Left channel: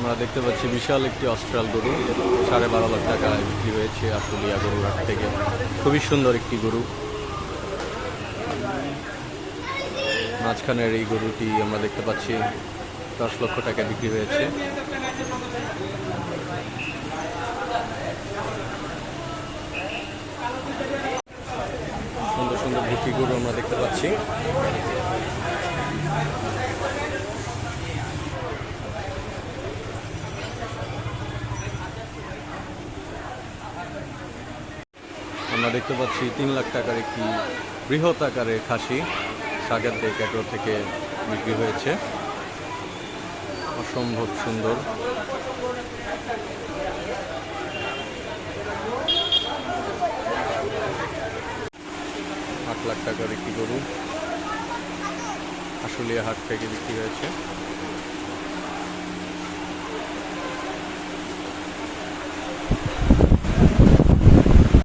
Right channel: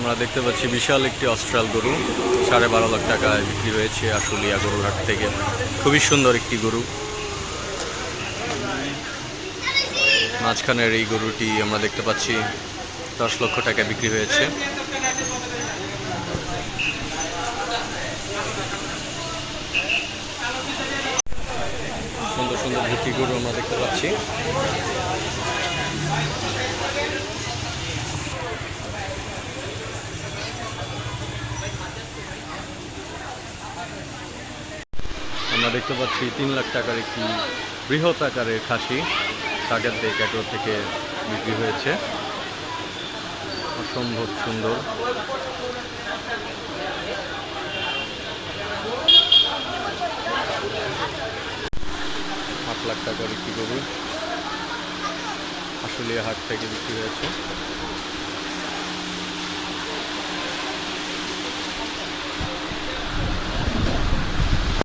আমরা দেখতে পাচ্ছি বিশাল একটি অস্ট্রাল গরু 12.5 লাখ টাকায় বিক্রি হয়েছে আশুলিয়া গরুর হাট থেকে। খুবই সুন্দর একটি গরু। মাঝখানের এই গরুটি আমরা দেখতে পাচ্ছি 10 লক্ষ টাকায় বিক্রি হয়েছে। সুন্দর সুন্দর ভুট্টি গরু আমরা দেখতে পাচ্ছি। আমরা দেখতে পাচ্ছি 3 লাখ টাকার একটি বৃহৎ আকারের খাসি সাগরদিঘি এগ্রো থেকে বিক্রি হয়েছে। অসম্ভব সুন্দর। 8 লাখ টাকার একটি গরু আশুলিয়া হাট থেকে বিক্রি হয়েছে।